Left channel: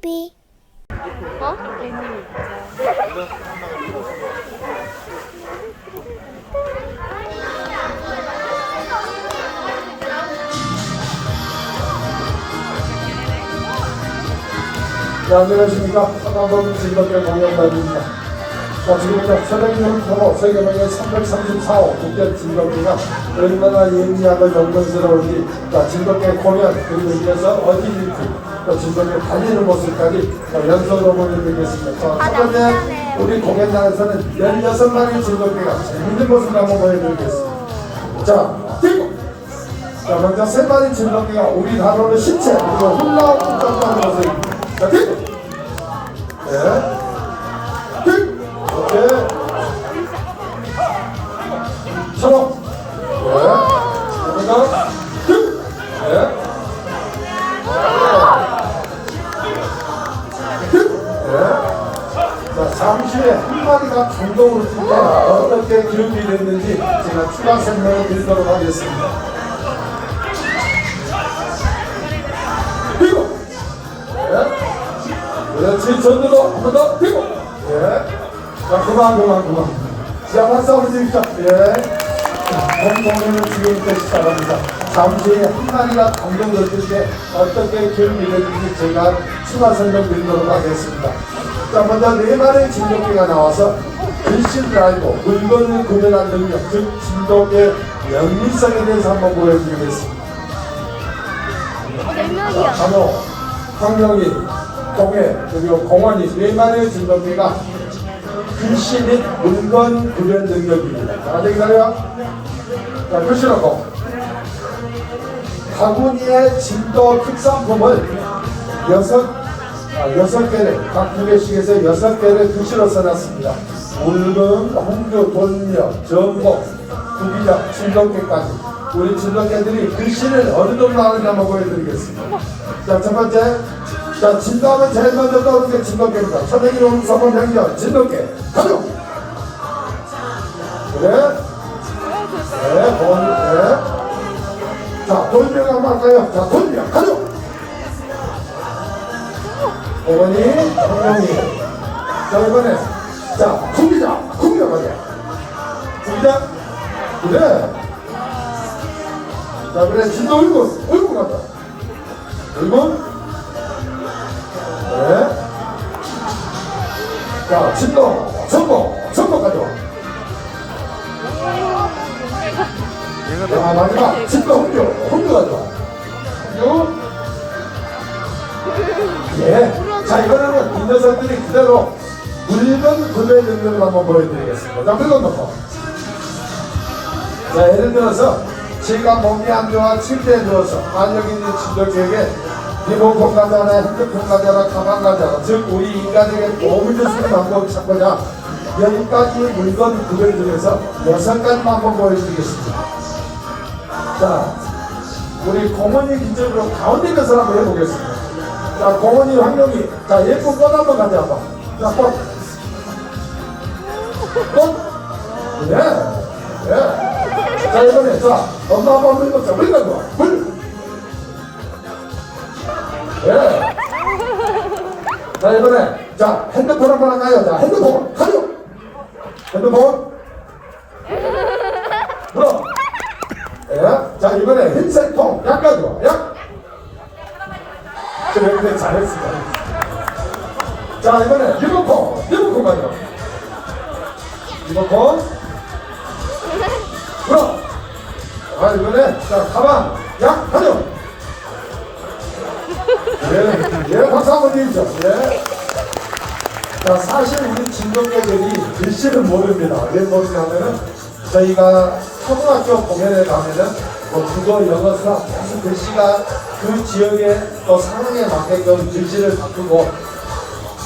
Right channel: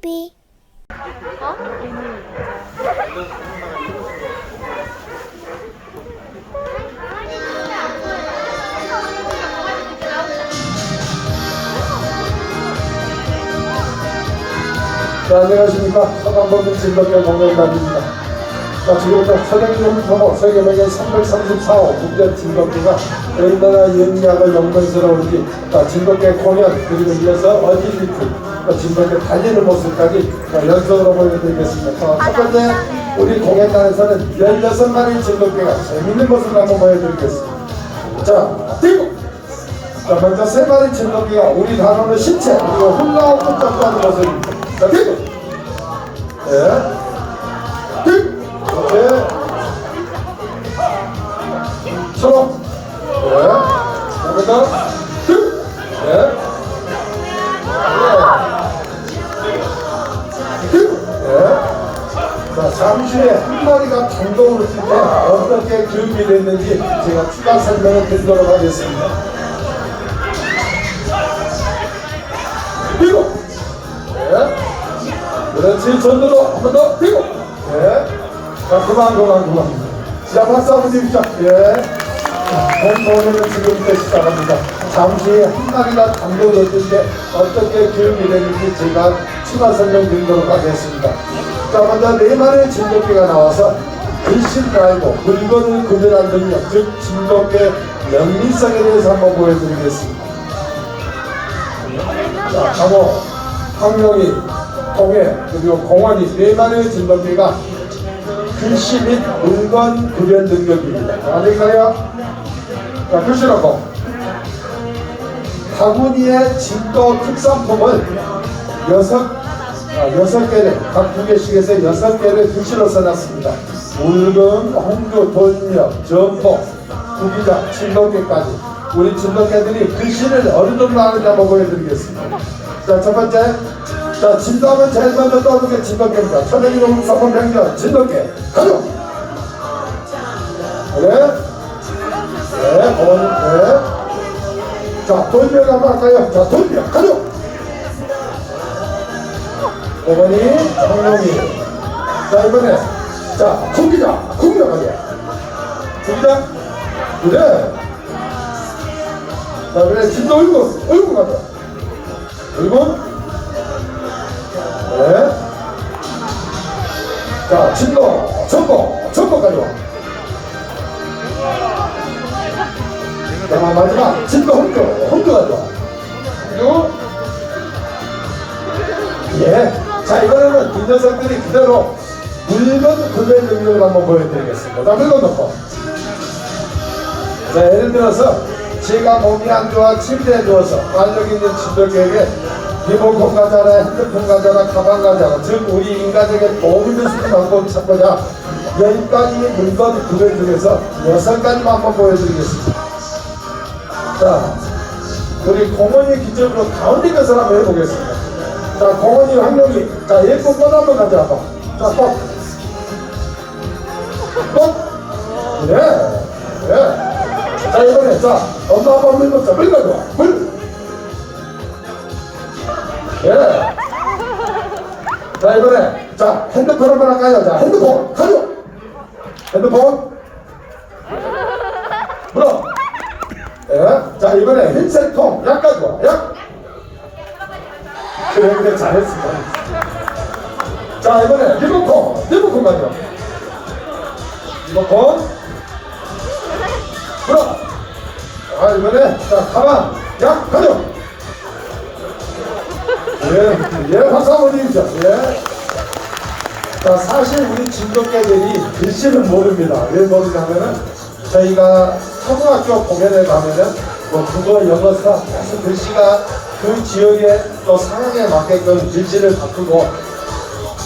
TV 자, 안녕하십니까. 서방범인 진덕의 공연단입니다. 자, 지금부터 서령이를 통해 세계명의 334호 국제 진덕기가 얼마나 영리함을 영광스러운지 자, 진덕의 공연 그리고 이어서 어디리티 또 진덕의 달리는 모습까지 자, 연속으로 보여드리겠습니다. 자, 첫 번째 우리 공연단에서는 16마리 진덕기가 재밌는 모습을 한번 보여드리겠습니다. 자, 뛰고! 자, 먼저 세 마리 진돗개가 우리 단원의 신체 그리고 훌라후프 점프하는 모습입니다. 자, 뛰고! 네. 마리가 감동을 줄때 어떻게 교육이 됐는지 제가 추가 설명을 드리도록 하겠습니다. 뛰고 네. 그렇지 전대로 한번 더 뛰고 네. 자 그만 그만 그만 자 박수 한번 주십시오 예. 본모는 지금부터 시작합니다 잠시 후에 한 마리가 감독이었을 때 어떻게 기름이 되는지 제가 추가 설명드리도록 하겠습니다 자 먼저 네 마리의 진돗개가 나와서 글씨를 알고 물건을 능력 즉 진돗개 연기성에 대해서 한번 보여드리겠습니다 자, 강호, 황명희, 동해, 그리고 공원이 네 마리의 진돗개가 글씨 및 물건 구별 능력입니다. 자, 안녕히 가요. 자, 글씨 놓고. 바구니의 진도 특산품을 여섯, 아, 여섯 개를, 각 해서 여섯 개를 글씨로 써놨습니다. 물건, 홍교, 돈력, 전복, 구기자, 진돗개까지. 우리 진돗개들이 글씨를 어디로 하는지 한번 보여드리겠습니다. 자, 첫 번째. 자, 진도는 제일 먼저 떠오르는 게 진돗개입니다. 천혜기 농성원 명령, 진돗개. 가요! 네. 네, 어머니, 네. 자, 돌명 한번 할까요? 자, 돌명, 가요! 어머니, 장명이. 자, 이번에. 자, 구기자, 구기자 가요. 구기자? 그래. 자, 그래, 진도 얼굴, 얼굴 간다. 얼굴? 물건 넣고. 자, 예를 들어서 제가 몸이 안 좋아 침대에 누워서 알력 있는 친구에게 리모컨 가져라, 핸드폰 가져라, 가방 가져라 즉 우리 인간에게 도움이 될수 있는 방법을 찾고자 열 가지 물건 구별 중에서 여섯 가지만 한번 보여드리겠습니다. 자 우리 공원이 기적으로 가운데 것을 한번 해보겠습니다. 자 공원이 황룡이. 자 예쁜 꽃 한번 가져와봐 자꽃 꽃 그래? 자 이번에 자 엄마 아빠 물 먹자 물 가져와. 자 이번에 자 핸드폰 한번 할까요? 자 핸드폰 가요. 핸드폰. 뭐? 예. 자 이번에 흰색통 약 가져와 약? 그래 그래 잘했어. 자 이번에 리모컨. 리모컨 가져와 리모컨 아 이번에 자 가방. 약 가져. 예, 예 박수 한번 주십시오 예. 자 사실 우리 진돗개들이 글씨를 모릅니다. 왜 모르냐면은 저희가 초등학교 공연에 가면은 뭐 국어 영어 수학 계속 글씨가 그 지역의 또 상황에 맞게끔 글씨를 바꾸고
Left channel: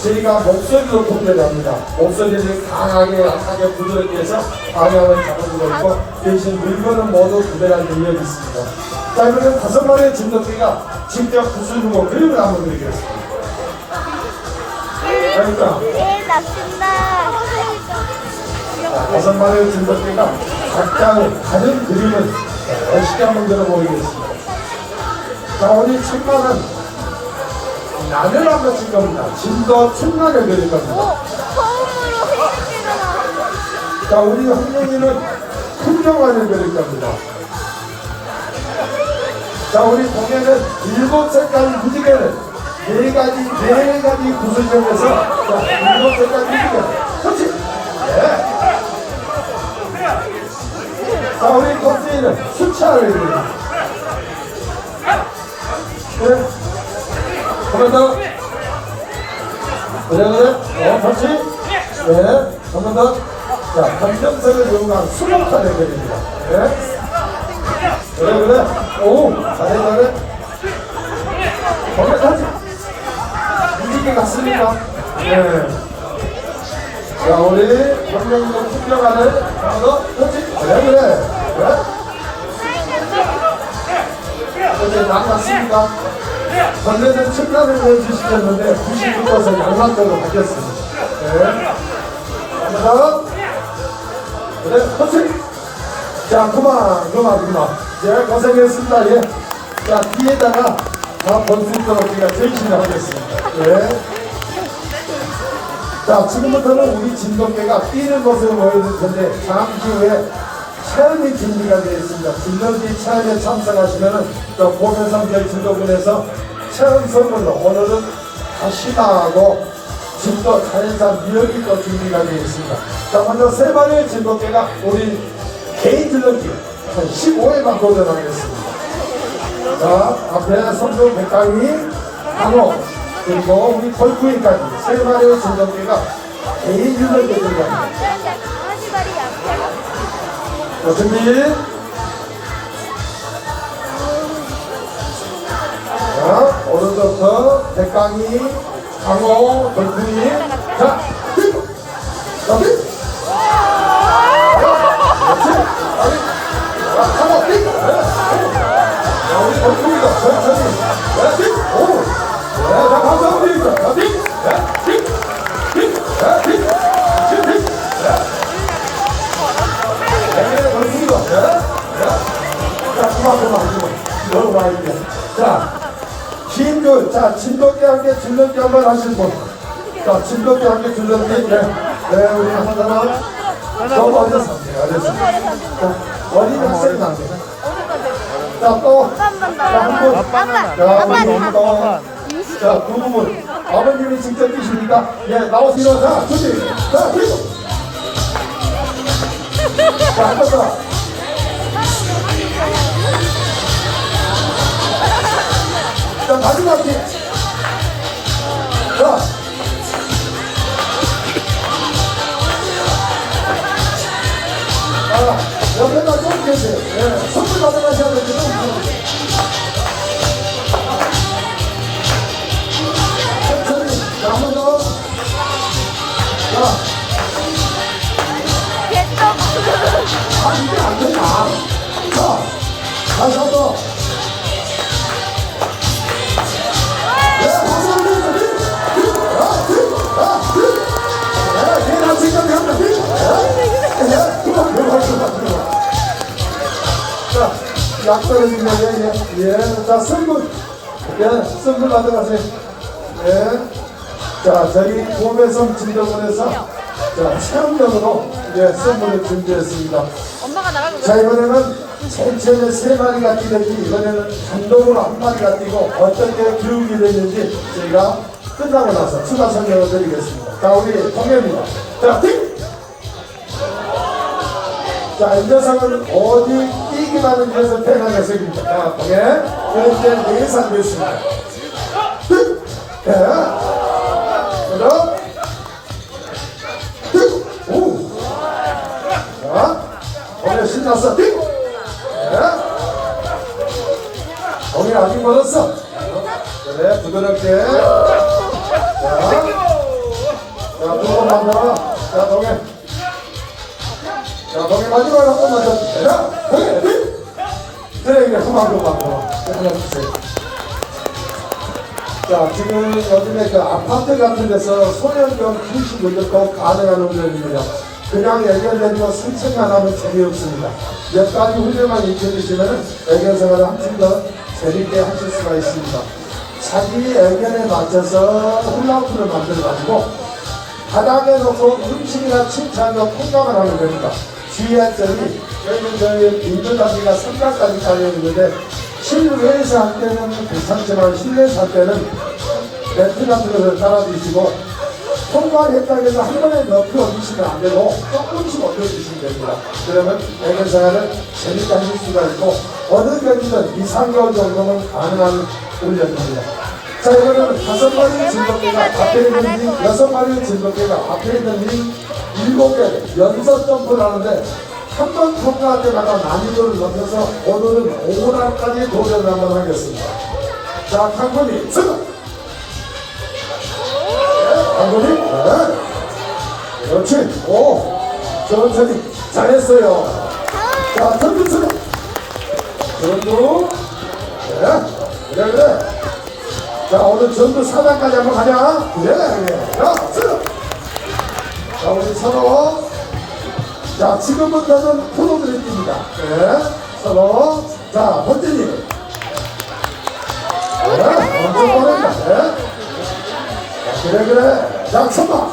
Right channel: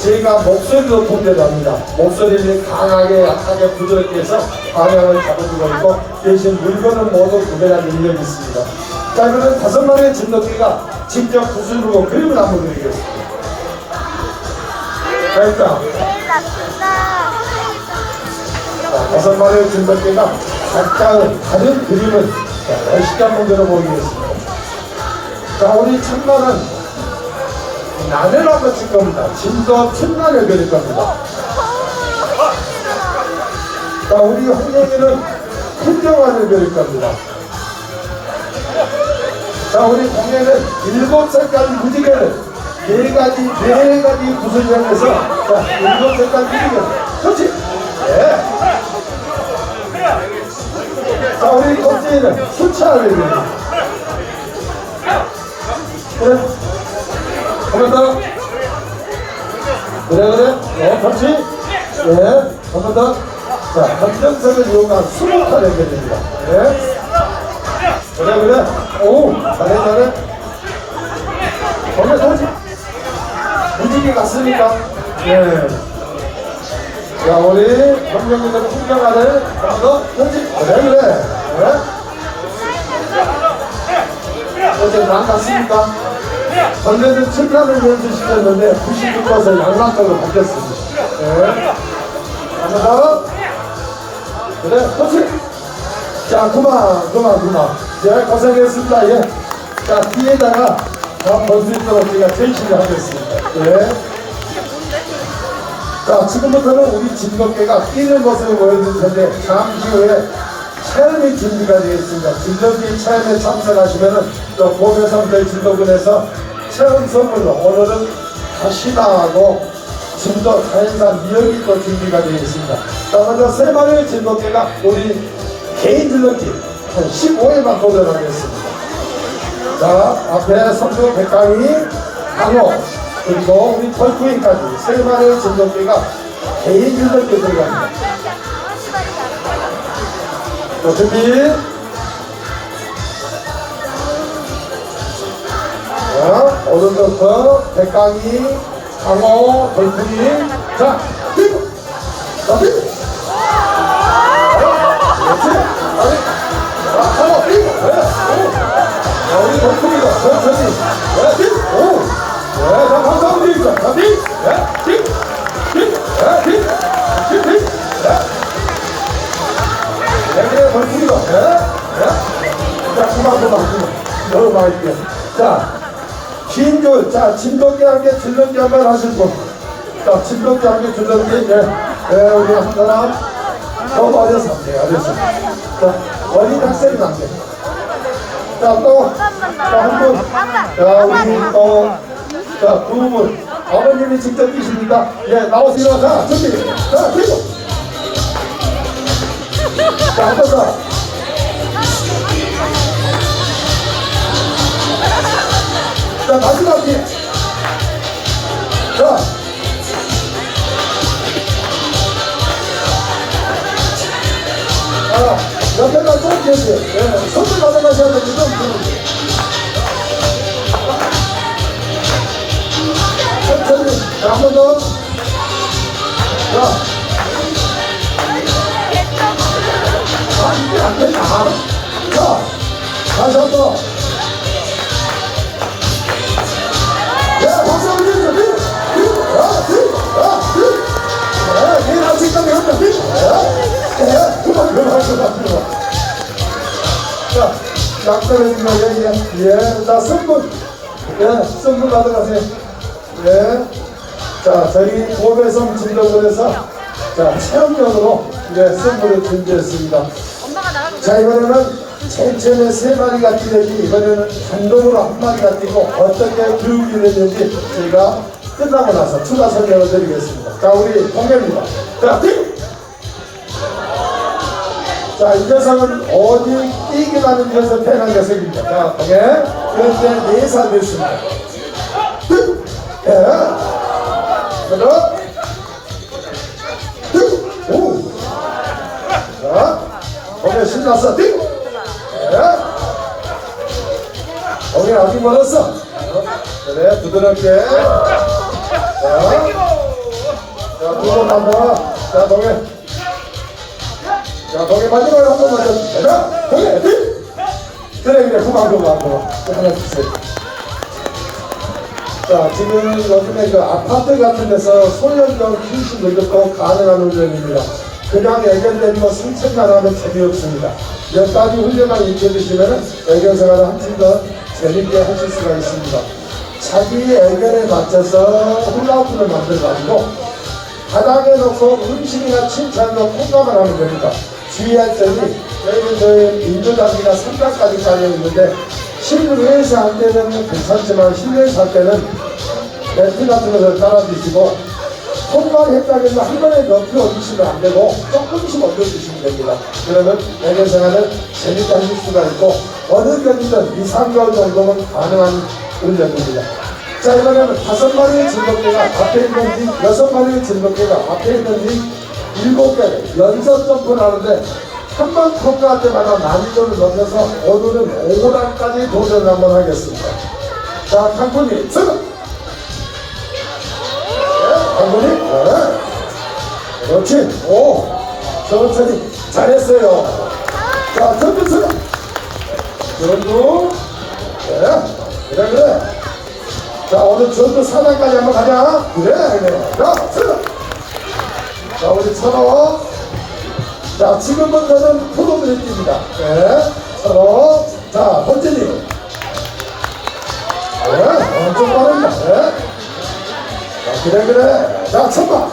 저희가 목소리도 통제를 합니다. 목소리를 강하게 약하게 부드럽게 해서 방향을 바꿔주고 있고 대신 물건은 모두 구별하는 능력이 있습니다. 자 그러면 다섯 마리의 진돗개가 직접 부수르고 그림을 한번 드리겠습니다. 자 일단 자, 다섯 마리의 진돗개가 각각 다른 그림을 멋있게 한번 그려보이겠습니다. 자 우리 천만은 라면을 한번 칠 겁니다. 진도 충만을 그릴 겁니다. 자, 우리 황영이는 풍경화를 그릴 겁니다. 자, 우리 공연은 일곱 색깔 무지개를 네 가지, 네 가지 구슬점에서 자, 일곱 색깔 무지개. 그렇지? 네. 자, 우리 첫째는 수차를 그립니다. 그래. 그래, 그래. 어, 그렇지? 예. 한번 더. 자, 변전선을 이용한 수목화를 그 내주시켰는데 96%를 양락으로 바뀌었습니다. 네. 하나 그래, 그렇지. 자, 그만, 그만, 그만. 제가 고생했습니다. 예. 자, 뒤에다가 다 볼수 있도록 제가 전신을 하겠습니다. 예. 자, 지금부터는 우리 진돗개가 뛰는 모습을 보여드릴 텐데, 잠시 후에 체험이 준비가 되어 있습니다. 진돗개 체험에 참석하시면은 또 고교성들 진도군에서 체험 선물로 오늘은 다시나도 진도 자연산 미역이 또 준비가 되어 있습니다. 자, 먼저 세 마리의 진돗개가 우리 개인 들렸기 15회만 도전하겠습니다. 자, 앞에 성주 백강이, 강호, 그리고 우리 털쿠이까지 세 마리의 진돗개가 개인 들어갑니다. 자, 준비. 오른쪽부터 백강이, 강호, 털쿠이. 자, 뛰고! 그렇지? 자! 네, 오. 자. 네! 네! 네! 네! 네. 네. 네, 네. 자, 그만, 그만. 자, 진주, 자, 진돗개 함께 진돗개 한번 분. 자, 진돗개 함께 진돗개. 네, 네, 우리 한 사람. 너무 어려서 안 돼, 어려서. 자, 어린 학생도 안 돼. 자, 또, 자, 한 분. 자, 우리 또, 자, 두 분. 아버님이 직접 뛰십니까? 예, 나오세요. 자, 준비. 자, 뛰고. 자, 한 번 자, 마지막 뒤에. 자. 아, 옆에다 좀 계세요. 네, 선물 받아가셔야 되는데 좀. 자, 한번 더. 저희 보배성 진도군에서 자, 체험용으로 이제 선물을 준비했습니다. 자, 이번에는 제일 처음에 세 마리가 뛰는지 이번에는 단독으로 한 마리가 뛰고 어떻게 교육을 되는지 저희가 끝나고 나서 추가 설명을 드리겠습니다. 자, 우리 공연입니다. 자, 뛰! 자, 이 녀석은 어디 뛰기만 해서 태어난 녀석입니다. 자, 공연. 그런데 네살 됐습니다. 뛰! 예. 그럼 뛰! 오! 자, 공연 신났어. 뛰! 예. 거기 아직 멀었어. 그래, 부드럽게. 자, 자, 두번 한번. 자, 거기. 자, 거기 마지막 한 번만 더. 되나? 거기, 휘! 그래, 그래, 그만, 그만, 그만. 그만 주세요. 자, 지금 요즘에 그 아파트 같은 데서 소년견 키우시고 이것도 가능한 훈련입니다. 그냥 애견되는 거 승천만 하면 재미없습니다. 몇 가지 훈련만 익혀주시면 애견생활을 한층 더 재밌게 하실 수가 있습니다. 자기 의견에 맞춰서 훌라후프를 만들어가지고 바닥에 놓고 음식이나 칭찬으로 공감을 하는 거니까 주의했더니 저희는 저희 인조장비가 3단까지 깔려있는데 실내에서 할 때는 괜찮지만 실내에서 할 때는 랩트 같은 것을 따라주시고 통만 했다면 한 번에 넣고 얹으시면 안 되고 조금씩 얹어주시면 됩니다. 그러면 애견생활은 재밌게 하실 수가 있고 어느 경기든 2, 3개월 정도는 가능한 훈련입니다. 자 그러면 다섯 마리의 진돗개가 앞에 있는 이 여섯 마리의 진돗개가 앞에 있는 이 일곱 개 연속 점프를 하는데 한 번 통과할 때마다 난이도를 높여서 오늘은 5단까지 도전 한번 하겠습니다. 자 탕군이 출발! 당근이? 네. 그렇지. 오. 천천히. 잘했어요. 자, 전두 쳐. 전두. 네. 그래, 그래. 자, 오늘 전두 사단까지 한번 가자. 그래, 그래. 자, 쳐. 자, 우리 서로. 자, 지금부터는 프로그램입니다. 네. 서로. 자, 번째님. 네. 엄청 빠릅니다. 네. 그래 그래 자 천마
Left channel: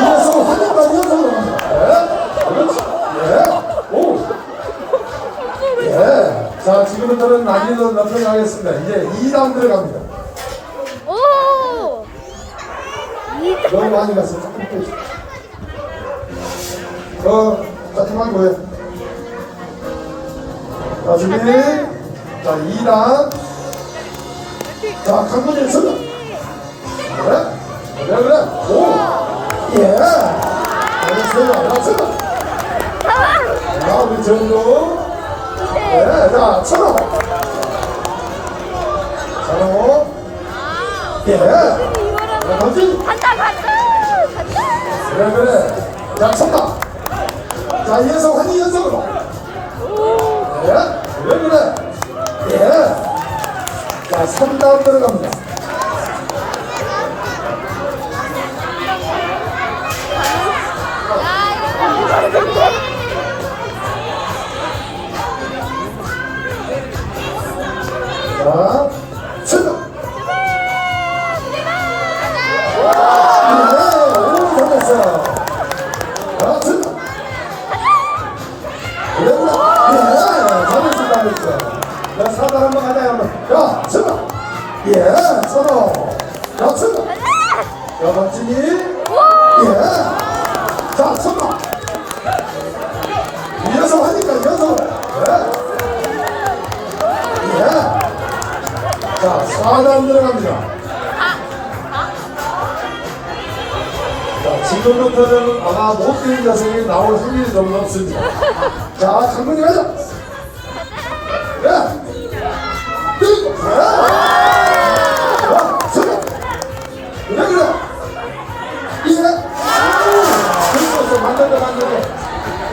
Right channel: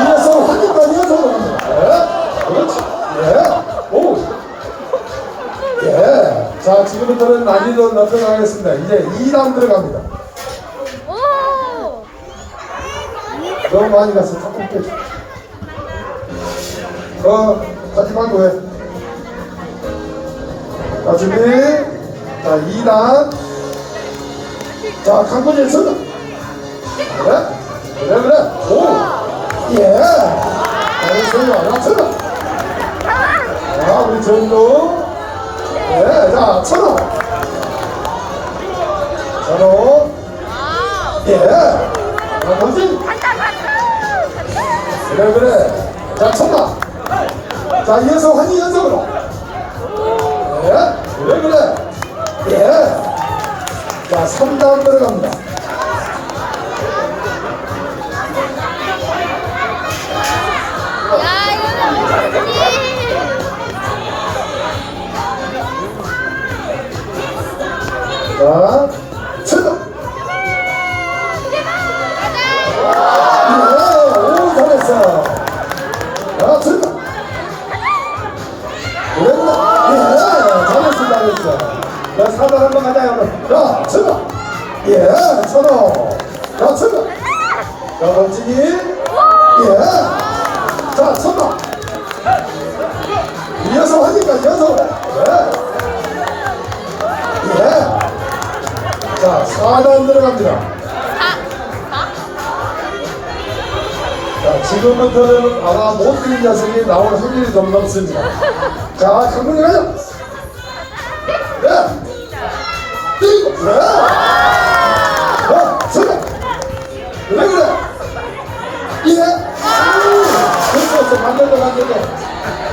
이래서 하니까 이어서 예 그렇지 예 오 예 자 지금부터는 난이도 높여가겠습니다 이제 2단 들어갑니다 오! 너무 많이 갔어 조금 빼줘 어 하지만 뭐해 자 준비 자 2단 자, 강건일 서는 그래? 그래, 그래. 오! 예! 잘했어요. 야, 서는 자, 우리 전도. 그래, 자, 천호. 천호. 예! 자, 던지. 그래, 그래. 자, 천마. 자, 이어서 환희 연속으로. 야, 사단 한번 가자, 그럼. 자, 출발! 예, 서로. 자, 멋지니? 예. 자, 서로. 이어서 하니까, 이어서. 예. 예. 자, 4단 들어갑니다. 자, 지금부터는 아마 못뛴 녀석이 나올 확률이 너무 높습니다. 자, 강군이 가자.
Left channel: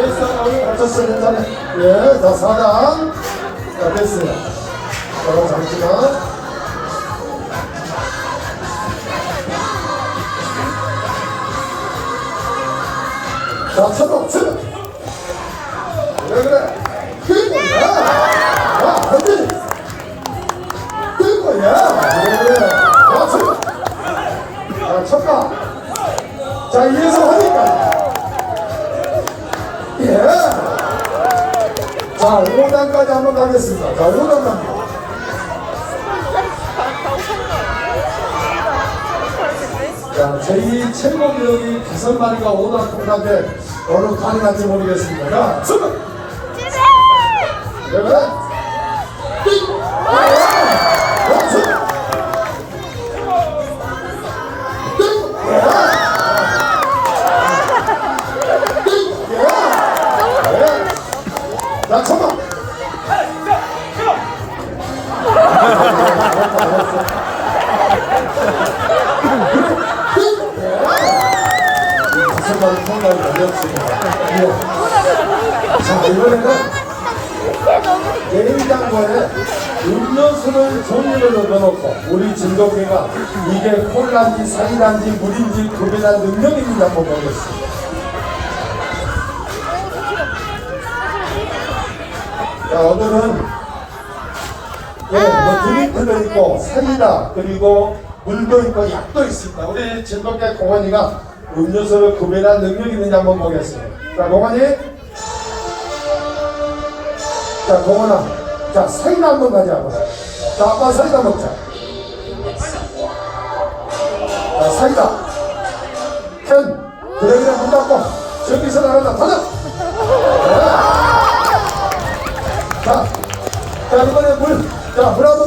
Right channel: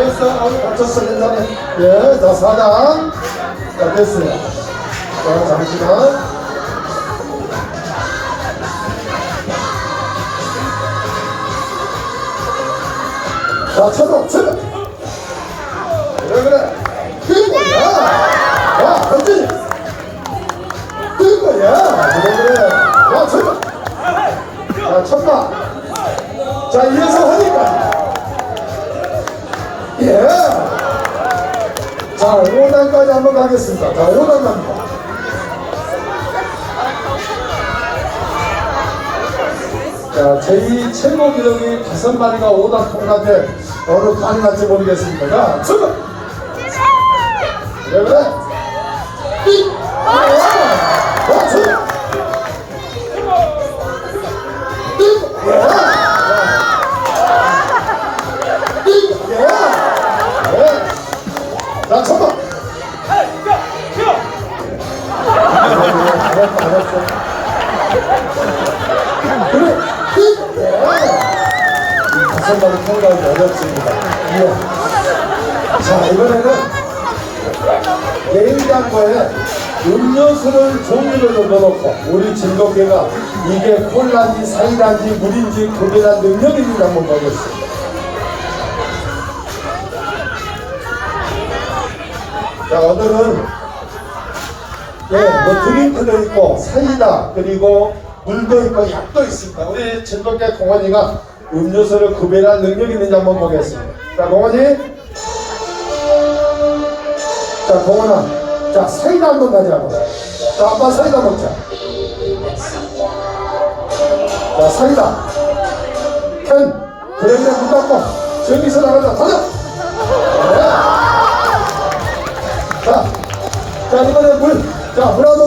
그래서, 어이, 괜찮아. 예, 자, 4단. 자, 됐어요. 자, 잠시만. 자, 쳐다, 쳐다. 한번 가겠습니다. 자, 5단 갑니다. 자, 제2 최고 기록이 다섯 마리가 5단 통과인데 어느 가능한지 모르겠습니다. 자, 출발! 그래, 그래. 통과하기 어렵습니다. 예. 자, 이번에는 냉장고에 음료수를 종류를 넣어놓고 우리 진돗개가 이게 콜라인지 사이다인지 물인지 구별한 있는지 한번 보겠습니다. 자, 오늘은 예, 뭐 드링크도 있고 사이다 그리고 물도 있고 약도 있습니다. 우리 즐겁게 공원이가 음료수를 구별한 능력이 있는지 한번 보겠습니다. 자, 공원이. 자, 공원아. 자, 사이다 한번 가져와봐. 자, 아빠 사이다 먹자. 자, 사이다. 캔. 그래, 그래, 문 닫고. 나간다. 닫아. 네. 자, 자, 이번에 물. 자, 물 한번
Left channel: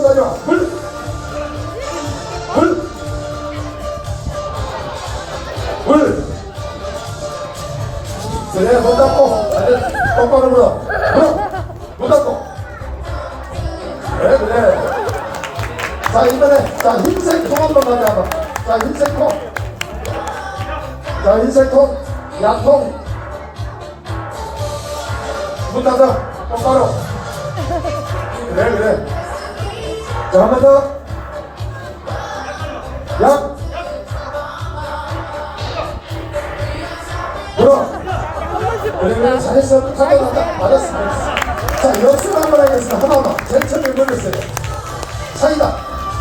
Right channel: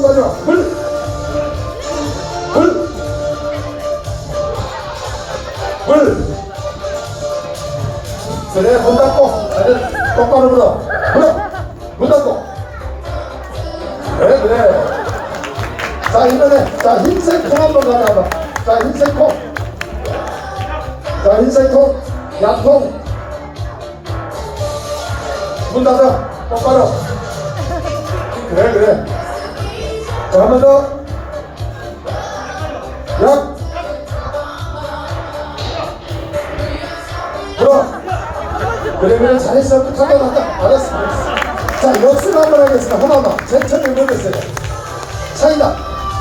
사이다.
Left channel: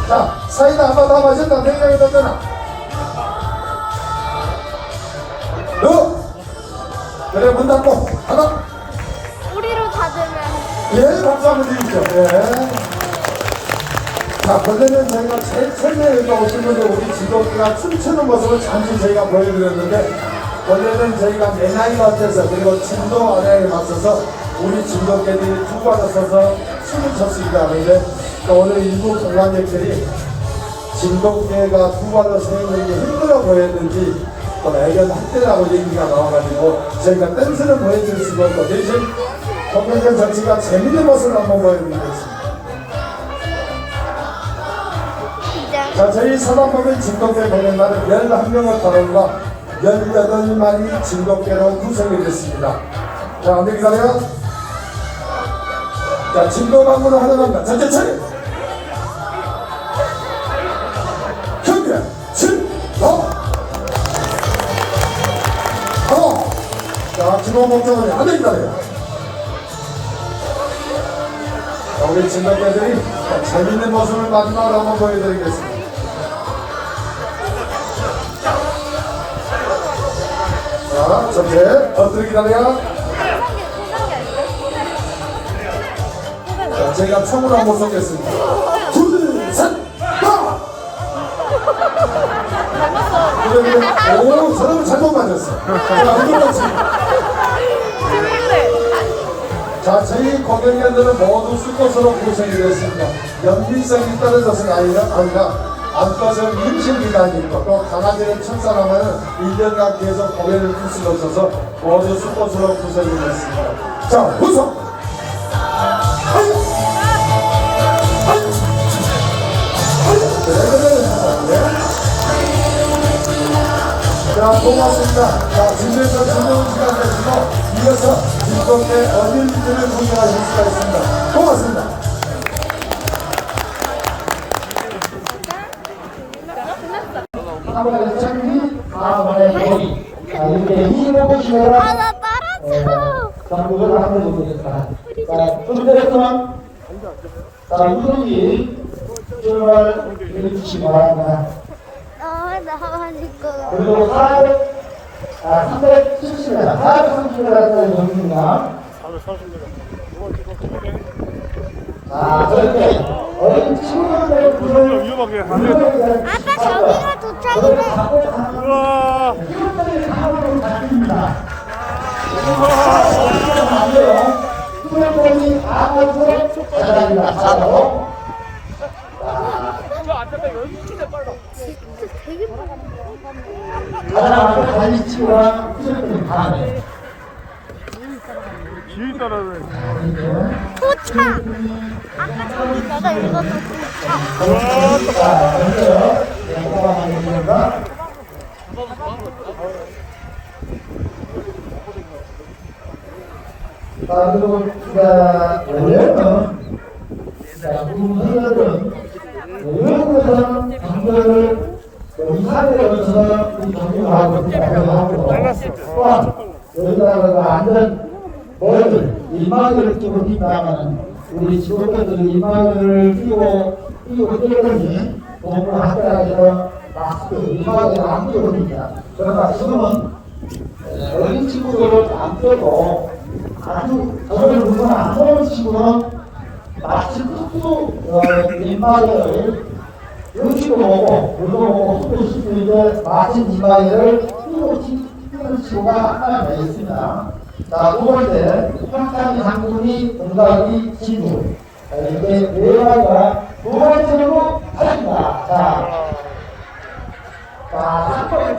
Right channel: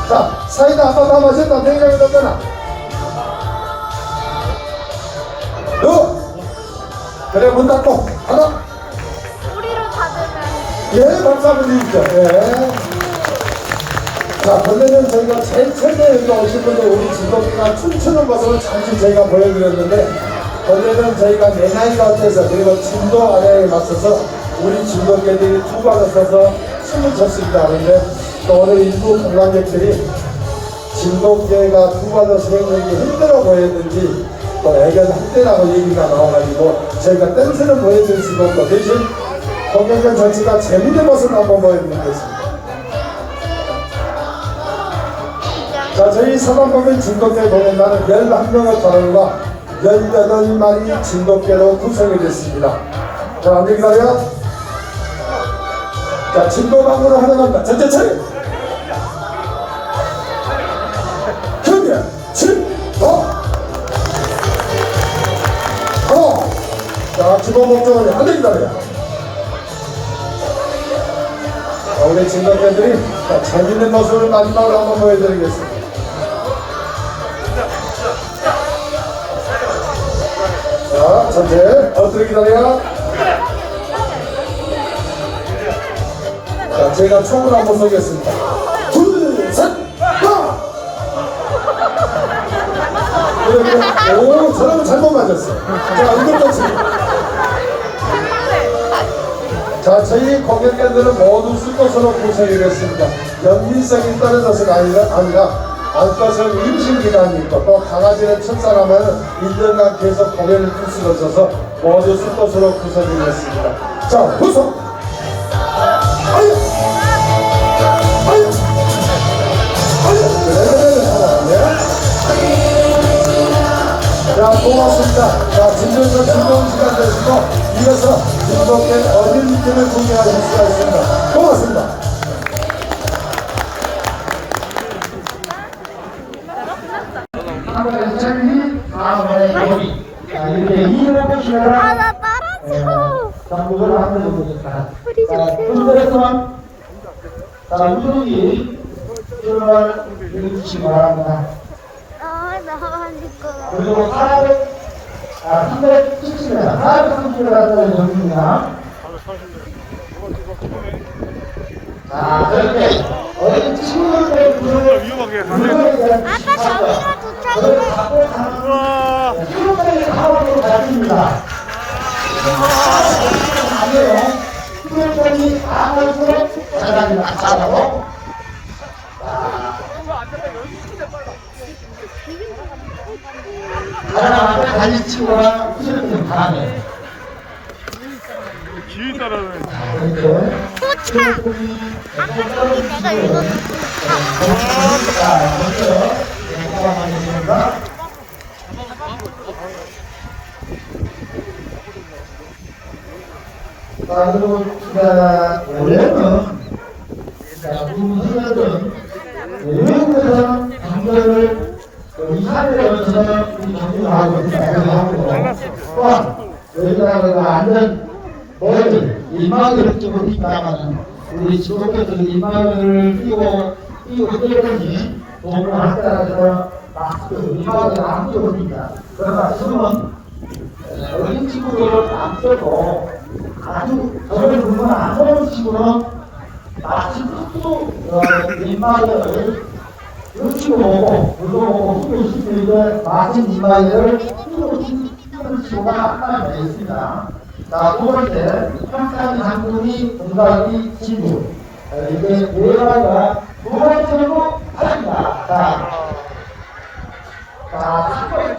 자, 사이다 한번 남아준다. 생각이 던져라. 너. 그래, 문 닫고. 하나. 뿌리로 닫으면 예, 박수 한번 주십시오. 예. 자, 원래는 저희가 제일 처음에 여기 오신 분들 우리 직원과 춤추는 모습을 잠시 저희가 보여드렸는데, 원래는 저희가 내 나이가 돼서 그리고 진도 아래에 맞서서 우리 진도계들이 두 발을 서서 춤을 췄습니다. 그런데 또 오늘 일부 관광객들이 발을 서는 게 힘들어 보였는지 또 애견 학대라고 얘기가 나와가지고 저희가 댄스는 보여줄 수가 없고 대신 공연장 전체가 재밌는 모습을 한번 보여드리겠습니다. 자, 저희 사단법인 진돗개 공연단은 11명의 가을과 18마리 진돗개로 구성이 됐습니다. 자, 안녕히 가세요. 자, 진도방으로 활용합니다. 전체 차 재밌는 모습을 마지막으로 한번 보여드리겠습니다. 자, 전체 어떻게 기다려? 자, 제가 총을 한번 쏘겠습니다. 둘, 셋, 가! 그리고, 오, 저는 잘못 맞았어. 자, 이거 맞습니다. 자, 저희 공연관들은 모두 수컷으로 구성이 되었습니다. 연민성이 떨어져서 아니라, 아니라 안과성 임신기간이 있고 또 강아지를 출산하면 1년간 계속 구슬을 쳐서 모두 수컷으로 구성이 되었습니다. 자, 구성! 이어서 즐겁게 어린이들을 구경하실 수가 있습니다. 고맙습니다. 한번에 천리, 다음번에 여기. 자, 이렇게 이름을 보시면 아 나 따라서 전국을 만들어 보겠습니다. 뿌리 자, 주세요 분들에서만 자, 우선이 출발 해주시기 바랍니다. 아 나니까 그리고 400, 아, 370m, 430m라는 정입니다. 자, 저렇게 어린 친구들 물건에 아까 저기가 그걸 도착인데 갖고 가는 수로까지 가오로 가집니다. 후배들이 아무것도 잘합니다. 잘하고. 앞에 달린 친구가 후배들이 다네. 길 따라는 이렇게 포차 아까 내 자, 그리고, 자, 원래는, 자, 군사들은 외국에서는 경전을 2, 3일에 걸쳐서 이 경중을 하고 있다고 하고, 또한 우리나라가 안전, 매들, 일막이를 끼고 있다가는 우리 지도자들 인마을 끼고 끼고 끼고니 공부학교에서 마스크 인마을을 안 끼고 있습니다. 그러나 지금은 어린 친구들을 안 빼고 아주 저를 누구는 안 친구는 마치 뚝뚝 인마을을 여기고 오고 그리고 오고 수고 싶으니까 마친 끼고 치는 친구가 하나 더 있습니다. 자, 두 번째, 한쌍이 한분이 동갑이 진주. 이게 네 가지가 두 번째로 하십니다. 자, 자, 3번,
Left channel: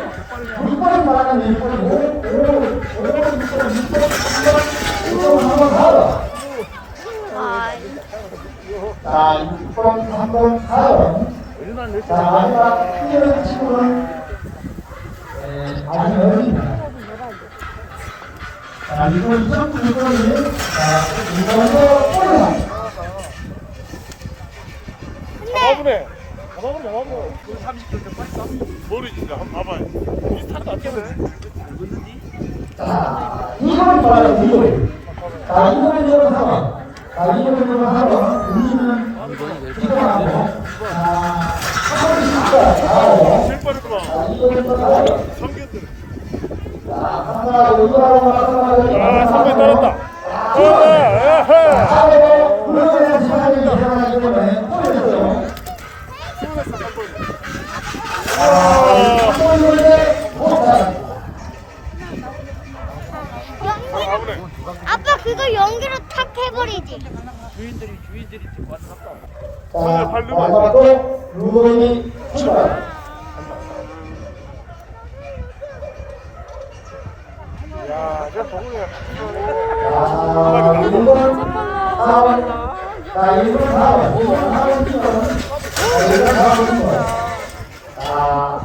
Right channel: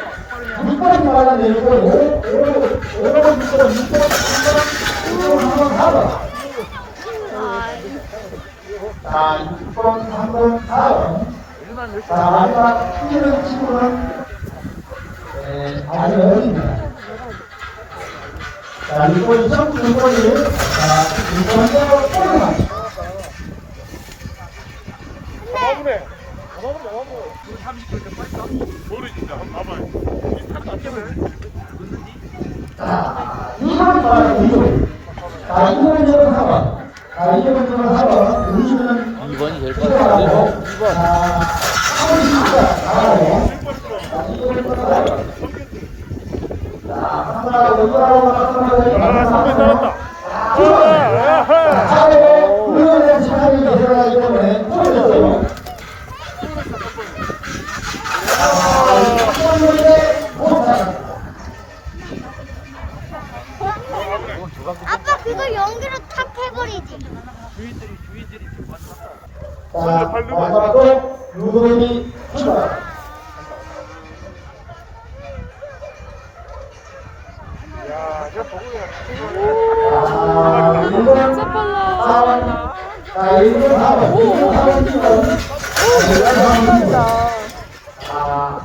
6번 말아 내리고, 5, 5, 5, 6번, 6번, 6번, 3번, 6번, 4번. 아이. 자, 6번, 3번, 4번. 자, 마지막 뛰는 친구는 에, 아직 어립니다. 자, 6번, 2번, 6번이, 자, 6번에 올라갑니다. 가보네. 가보네, 가보네. 30km 빨리 가. 머리 진짜 한번 봐봐요. 자, 이름을 말하는 이름. 자, 이름은 이름 3번. 자, 이름은 이름 3번. 이름은 필요 하고. 자, 3번 진짜 잘하고. 자, 3번하고 2번하고 말씀하세요. 아, 선배 따랐다. 자, 차례로 우리에 대한 시간이 일어나기 때문에 포함해서. 아, 이런 문제 못하다. 아빠 그거 연기로 탁 해버리지. 자, 마지막으로 누구에게 출발. 야, 저 보고. 아, 1번, 4번. 자, 1번, 4번. 1번, 4번 뛰어. 1번, 4번 뛰어. 아?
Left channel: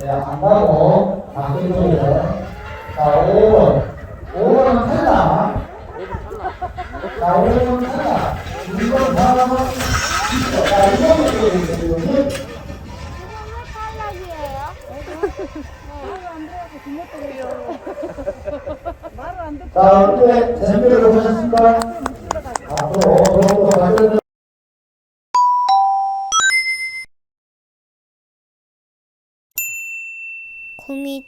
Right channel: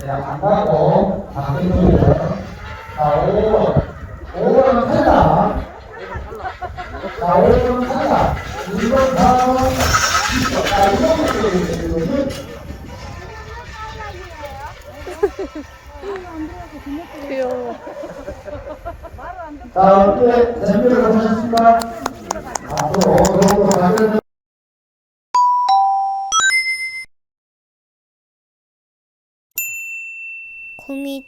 네, 안 가고. 자, 5번. 5번 탈락. 자, 5번 탈락. 1번, 4번. 자, 이쪽에 자, 어떻게 재미를 보셨습니까? 앞으로 더욱더 발전 구미